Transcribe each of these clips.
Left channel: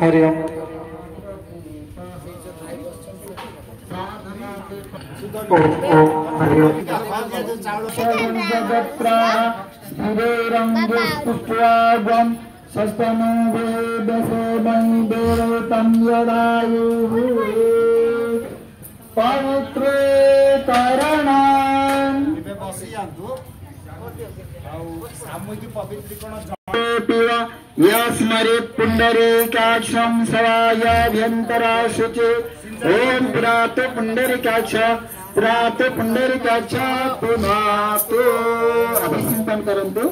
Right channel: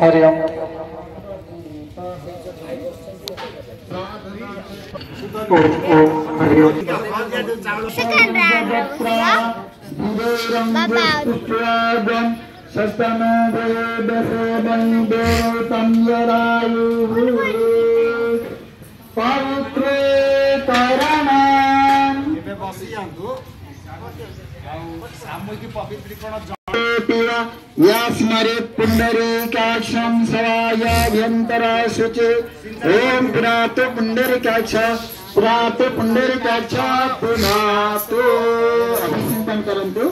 हरि ओम। यास्मरे पुंडरीकाक्षं सवायाभ्यन्तरा शुचे ओम पुनातो पुंडरीकाक्ष पुनातो पुंडरीकाक्ष पुनातो अभिसंतन करंतु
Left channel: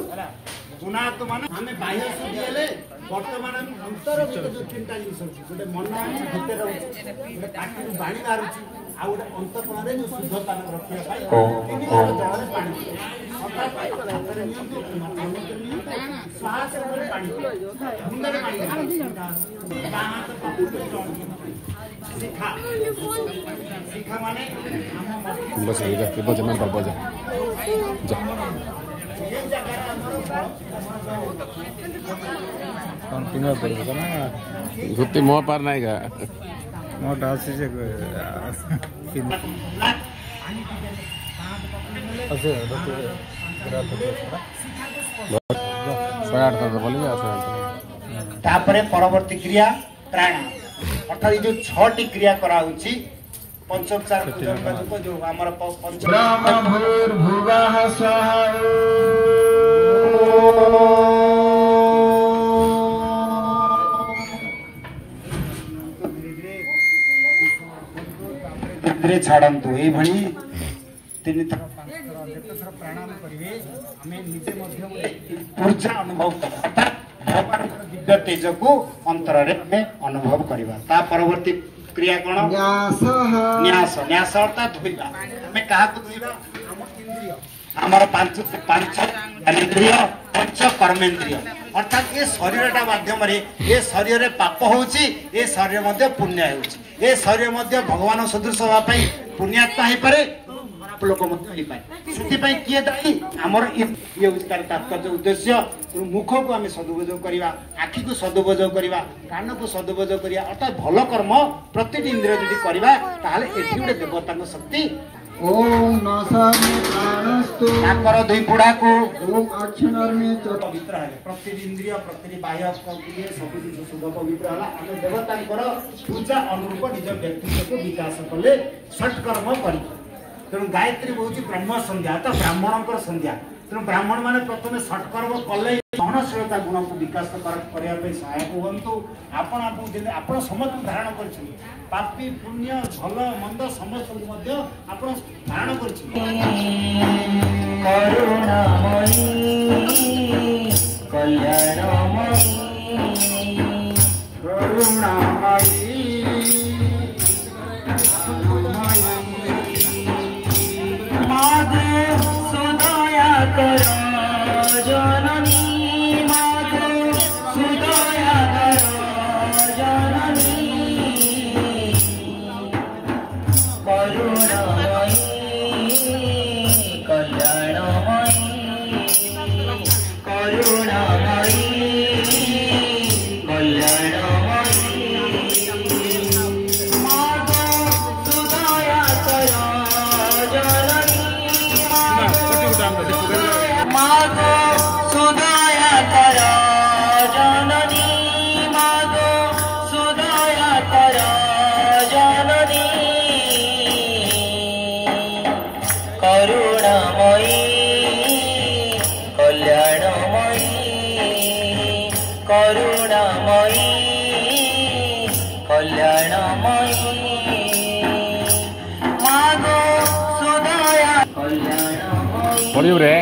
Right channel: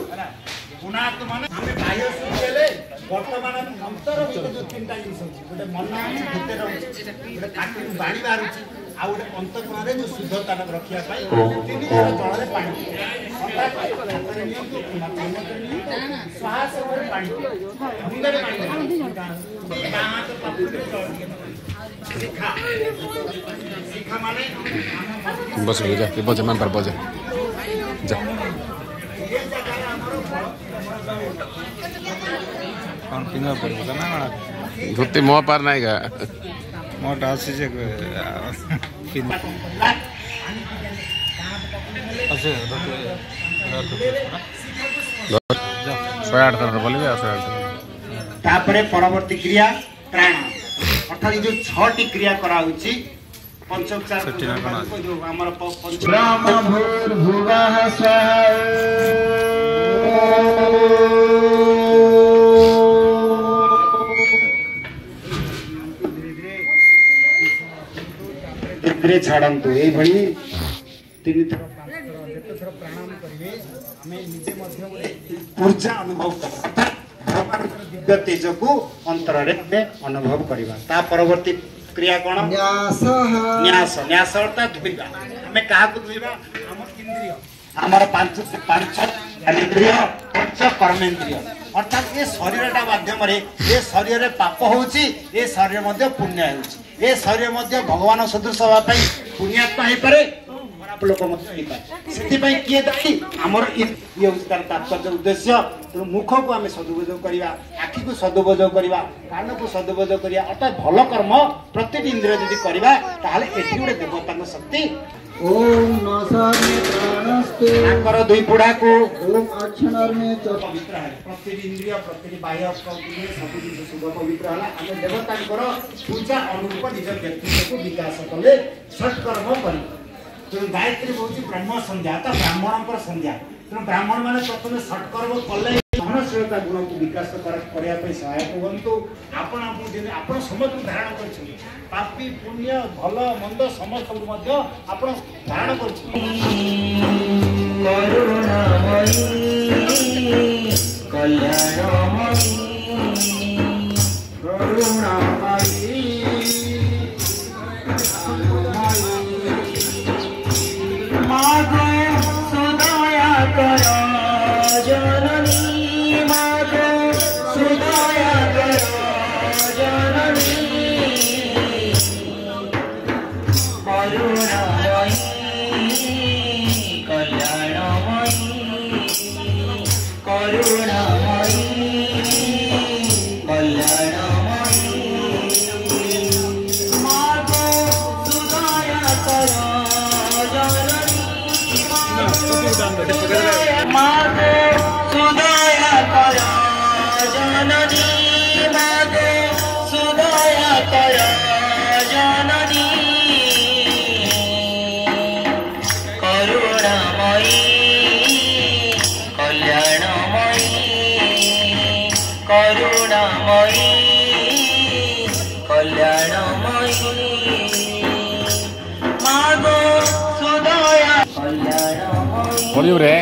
पुनातो माने हमें बाह्य सुखेले वर्तमान अंतर जो तीनटा जिनिस अछि गोटे मन अछि भितर अछि गोटे काटी बाणी बाहर अछि आ गोटे अंतःकरण रे जो शुद्धता रखिया पाई तीन जण जळरे पानी बस बजे मैं पर बजे जा कौन पिंगा पड़ेगा ना धोती मुँह पार नहीं गा मोह डाल से परवर्ती क्रिया प्राण अर्थात जो 6टी क्रिया करा होची पंचोपचार जो हमर ब्रह्मभूर्भुवः स्वाहा धीरे छाड़ंतु ए भली तीन थर प्राणायाम करिवे हमें निजे मध्य ऊर्जा अनुभव करबा भगवान दिव्य तेज को अंतर रे हमें अनुभव करबा ता परवर्ती क्रिया कोन न्यास न्यास न्यास अर्थात धुइबा हमें काहा को धुइबा हम इंद्रिय हमर पांच इंद्रिय पंच कर्मेंद्रिय अर्थात ये शरीरटा माध्यम रे ये शरीर रे पाप होउची ये शरीर मध्य पुण्य होउची ये शरीर मध्य भगवान सदृश हवा पाई पुण्यात्मा हे पारे खराब लोक मध्य हे पाए सेति पाई किए दाई हमर ये उसकार तात्पर्य उद्देश्य मुख को आमे सदुपयोग करिवा आखि को सदुपयोग करिवा कान को सदुपयोग करिया अर्थात भलो कर्म प्रत्येक इंद्रिय यदि करिवा ताहाले एठी गुडे देवता शक्ति ओम नसामि प्राणस्तु आकर दुई बुढ़ा को ओम अक्षर में पवित्र है प्रत्येक इंद्रिय प्रत्येक बाह्य इंद्रिय सब किछ शुद्ध पवित्र हला हम देवता पूजा अनुरूप निज व्यक्तित्व को विकास कले षट कर्म करी तेणु गायत्री होची ब्रह्म संध्या तो ब्राह्मणकर संध्या तेणु ब्राह्मण माने प्रथम षट कर्म कले सहनशीलता गुण को विकास करिया पे सहायक होंतु आपण आपण समस्त धारण करछि पापी पुण्य भल मंद समस्त मध्य आपण धारण करछि करुणामयी कल्याणमयी करुणामयी मागे सुदया कर जननी मागे सुदया कर जननी करुणामयी कल्याणमयी करुणामयी कल्याणमयी मागो सुदया कर जननी मागो सुदया कर जननी मागो सुदया कर जननी करुणामयी कल्याणमयी करुणामयी कल्याणमयी मागो सुदया कल्याणमयी पढ़ियो रे।